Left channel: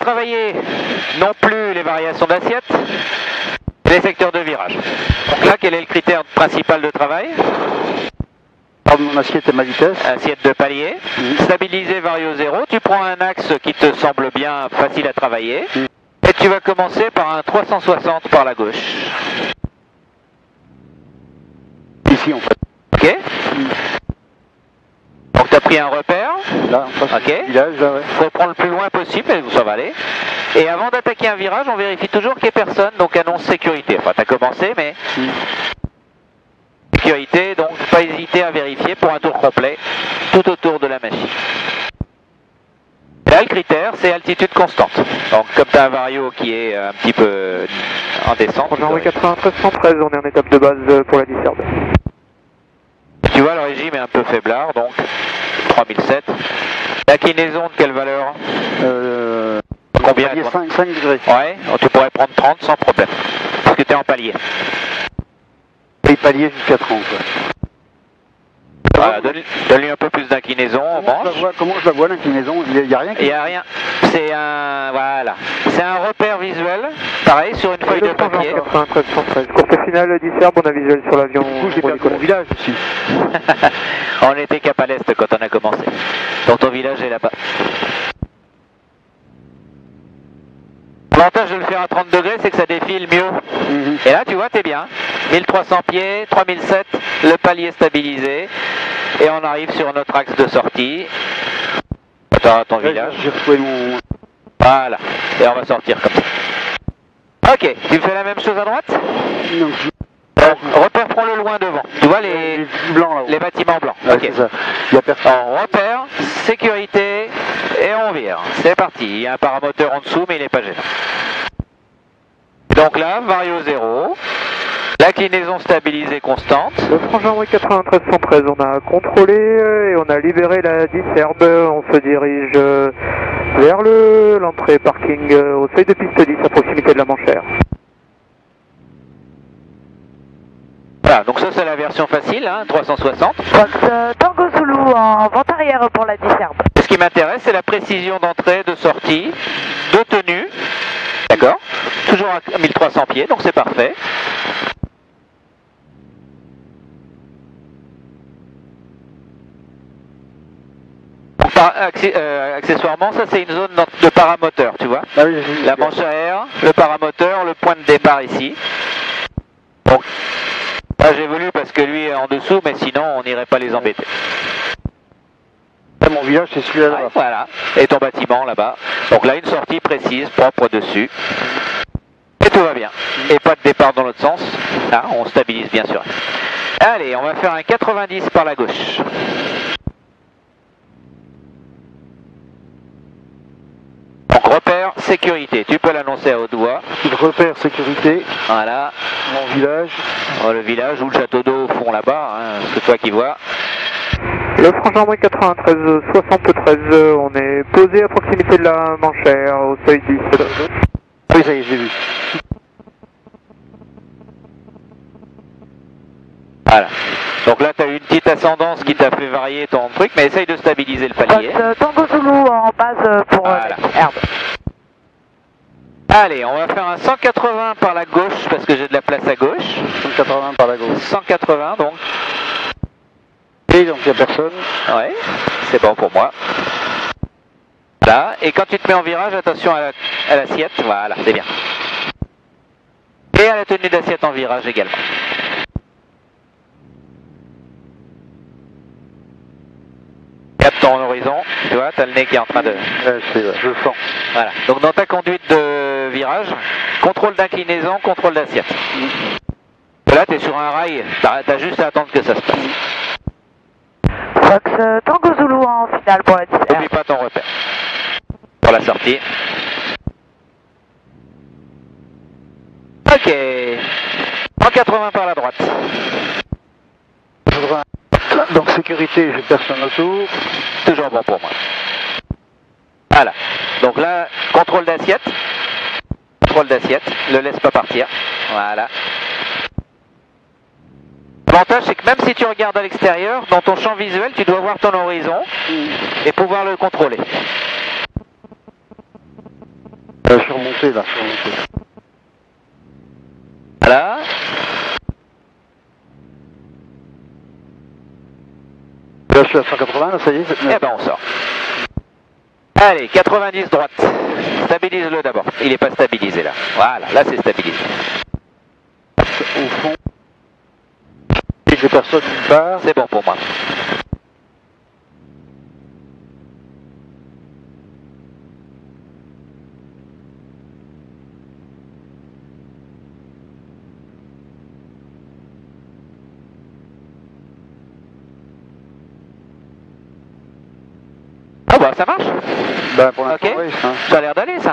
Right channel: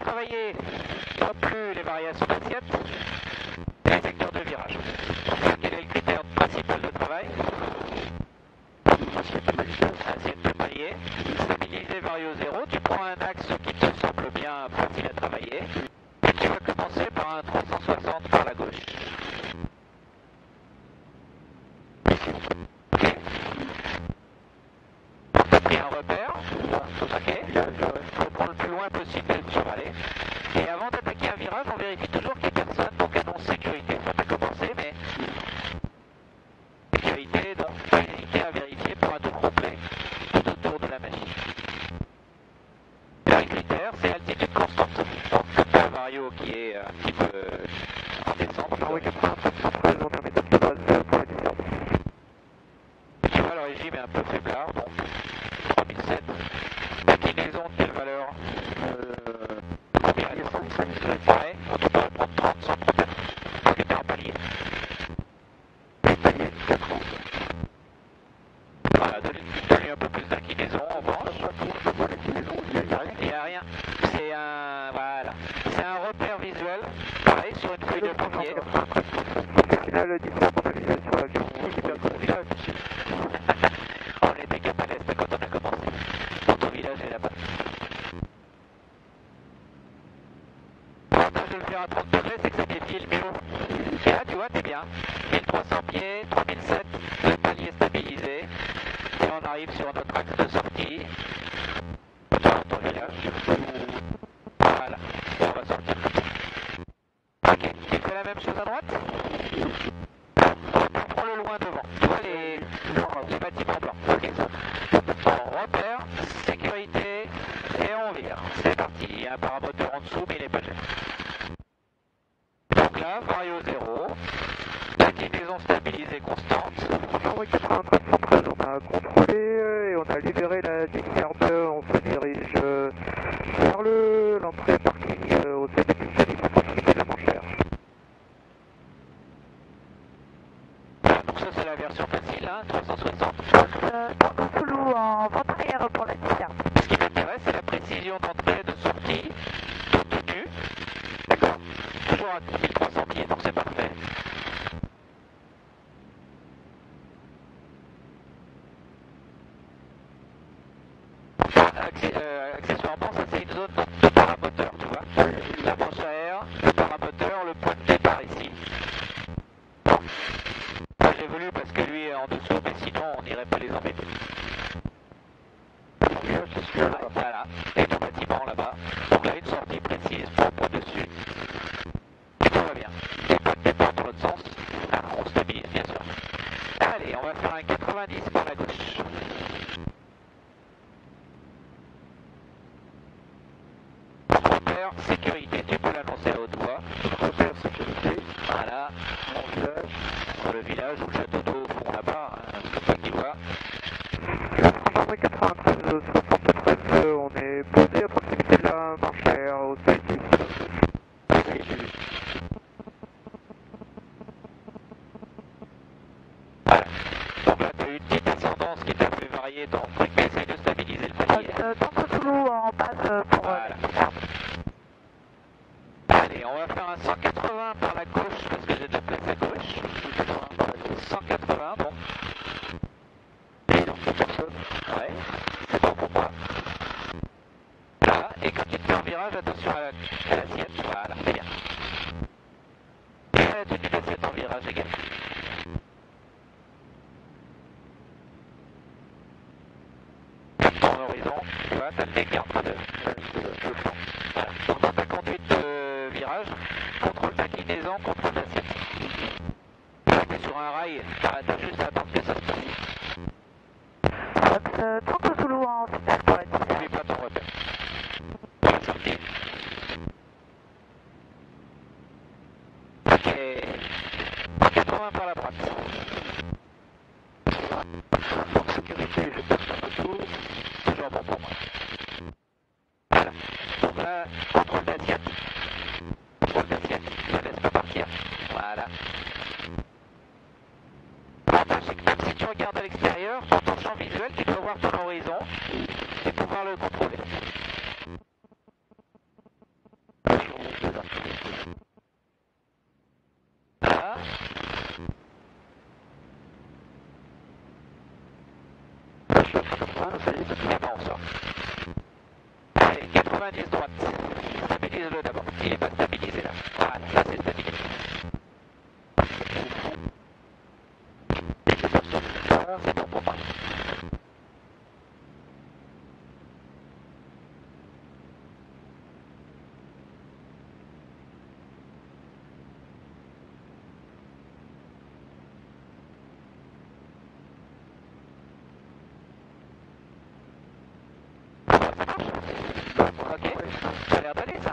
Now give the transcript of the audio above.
travailler non plus les variations d'assiette, les secteurs de virage. Donc là, quel est le critère principal de travail? Mon assiette et ma vitesse. Assiette de palier. Stabilisé vario 0, tu prends un axe qui te semble bien facile à travailler. Et tu vas commencer par un 360 par la gauche. Ici en fait. Ok. Donc tu as pris un repère. Là, en face. Ok. Village, là, ouais. Faut prendre le plus loin possible, mais ça va aller. Et avant d'attaquer un virage, on vérifie toujours qu'il n'y ait personne, donc annonce sécurité. Enfin, tu as commencé, mais... Sécurité, donc pas hésiter à vérifier pour un tour complet, tout autour de la machine. Là, le critère, c'est altitude constante. Donc, comme tu as un vario qui est un petit peu en descente... On est en 93 113, on est en étape de base pour la Disserbe. Tu vois, le régime est un peu faiblard, donc 3007. L'inclinaison de quelle valeur? Combien? 5 degrés. Ouais, tu pourrais prendre 30 sans problème, parce que tu es en palier. Et palier jusqu'à 30. Ouais. Voilà, donne-lui un peu plus d'inclinaison en manche. Comment je la vois l'inclinaison? Il n'y a rien Il n'y a rien. C'est un... Voilà. C'est un repère visuel, pareil, sur une feuille de papier. 93 113. Course finale Disserbe, on a visuel sur l'avion. Du coup, j'ai perdu mon village ici. On était cap à l'est quand on a commencé. Donc ton village est là-bas. L'avantage de le faire à 30 degrés, c'est que ça défile mieux. Et là, tu vois, t'es bien. 1300 pieds, 3007, le palier stabilisé. Et on arrive sur notre axe de sortie. Attends, ton village. J'ai retrouvé mon... Voilà. Et on va sortir comme ça. Ok, tu fais la même chose à droite? Donc, repère, prends-le loin devant. Tu vois les bâtiments blancs. Ouais, Ok. c'est ça. Il y a personne. On repère, sécurité, et on vire. C'est parti. Il y a un paramoteur en dessous, mais il n'est pas gênant. Donc là, vario 0. L'inclinaison stabilisée constante. Le frangin 93 113, on a contrôlé et on a libéré la Disserbe. On se dirige vers l'entrée parking au seuil de piste 10 à proximité de la Manchère. Voilà, donc ça c'est la version facile, hein, 360. Fox Tango Zulu en vente arrière pour la Disserbe. Ce qui m'intéresse, c'est la précision d'entrée, de sortie, de tenue. D'accord? Toujours à 1300 pieds, donc c'est parfait. Accessoirement, ça c'est une zone de paramoteur, tu vois. Ah oui, la manche à air, le paramoteur, le point de départ ici. Donc, là j'ai voulu parce que lui est en dessous, mais sinon on n'irait pas les embêter. Mon village, c'est celui-là. Ouais, voilà, et ton bâtiment là-bas. Donc là, une sortie précise, propre dessus. Et tout va bien. Et pas de départ dans l'autre sens. Là, on stabilise bien sûr. Allez, on va faire un 90 par la gauche. Donc repère, sécurité. Tu peux l'annoncer à haute voix. Repère, sécurité. Voilà. Mon village. Oh, le village ou le château d'eau au fond là-bas, hein, c'est toi qui vois. Le frangin 93 73, on est posé à proximité de la Manchère au seuil 10. Oui, ça y est, j'ai vu. Voilà. Donc là, tu as eu une petite ascendance qui t'a fait varier ton truc, mais essaye de stabiliser le palier. Fox Tango Zulu en base pour Voilà. la Disserbe. Allez, on va faire un 180 par la gauche parce que j'ai de la place à gauche. 180 par la gauche. 180 donc. Et donc il n'y a personne. Ouais, c'est bon pour moi. Là, et quand tu te mets en virage, attention à l'assiette, voilà, c'est bien. Et à la tenue d'assiette en virage également. Capte ton horizon, tu vois, t'as le nez qui est en train de... Je le sens. Voilà, donc dans ta conduite de virage, contrôle d'inclinaison, contrôle d'assiette. Là, tu es sur un rail, t'as juste à attendre que ça se passe. Fox Tango Zulu en finale pour la Disserbe. N'oublie pas ton repère. Pour la sortie. Ok. 180 par la droite. Donc sécurité, j'ai personne autour. Toujours bon pour moi. Voilà. Donc là, contrôle d'assiette. Contrôle d'assiette. Ne le laisse pas partir. Voilà. L'avantage, c'est que même si tu regardes à l'extérieur, dans ton champ visuel, tu dois voir ton horizon et pouvoir le contrôler. avancé là. Voilà. Là je suis à 180, là, ça y est. Et ben on sort. Allez, 90 droite. Stabilise-le d'abord. Il n'est pas stabilisé là. Voilà, là c'est stabilisé. Au fond. Et j'ai personne nulle part. C'est bon pour moi. Ah bah ça marche. Ben, pour l'instant, Ok. oui, hein. Ça a l'air d'aller ça.